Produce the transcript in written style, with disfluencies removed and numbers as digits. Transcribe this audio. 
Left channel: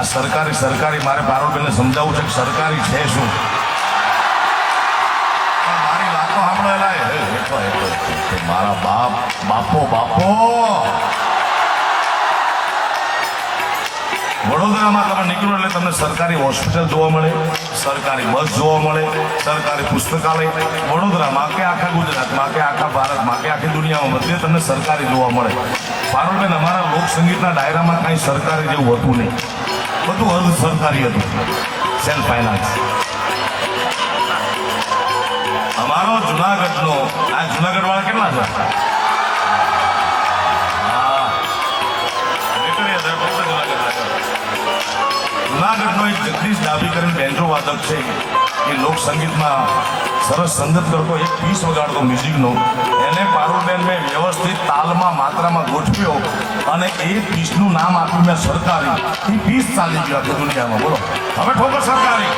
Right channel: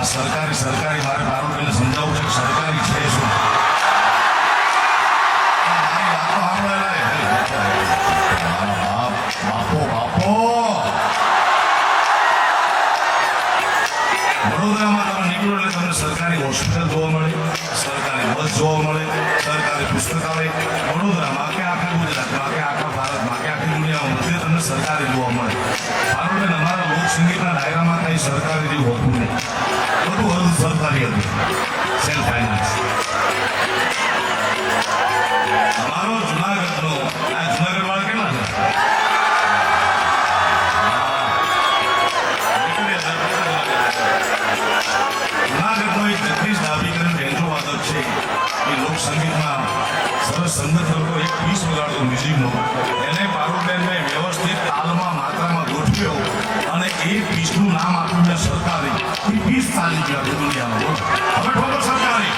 આ સરકારી મારે પારોડને સમજાવવું છે કે સરકારી છે શું. મારી વાતો સાંભળેલા મારા બાપો વડોદરામાં તમે નીકળો એટલે તમને સરકારી હોસ્પિટલ જોવા મળે, સરકારી બસ જોવા મળે, સરકારી પુસ્તકાલય વડોદરામાં કે આખા ગુજરાતમાં કે આખા ભારતમાં કે આખી દુનિયામાં બધે તમને સરકારી જોવા મળે. પારોડબેન, અમારા લોકસંગીતના ડાયરામાં કાંઈ સરકારી જેવું હતું નહીં, બધું અર્ધ સરકારી હતું, સેલ્ફ ફાઇનાન્સ. અમારો જુનાગઢનો આ જુનાગઢ વાળા કેટલા છે? જુનાગઢનો એક જગદીશ ડાભી કરીને બેન્જો વાદક છે, એ લોકસંગીતમાં સરસ સંગત કરતો એક પીસ વગાડતો મ્યુઝિકનો. એને પારોડબેનને વ્યવસ્થિત તાલમાં માત્રામાં ગોઠવ્યો અને એ પીસનું નામ આપ્યું મેં સરકારી. એ પીસ ચાલી ગયો આખી દુનિયામાં. બોલો હવે ઠોકર સરકારી.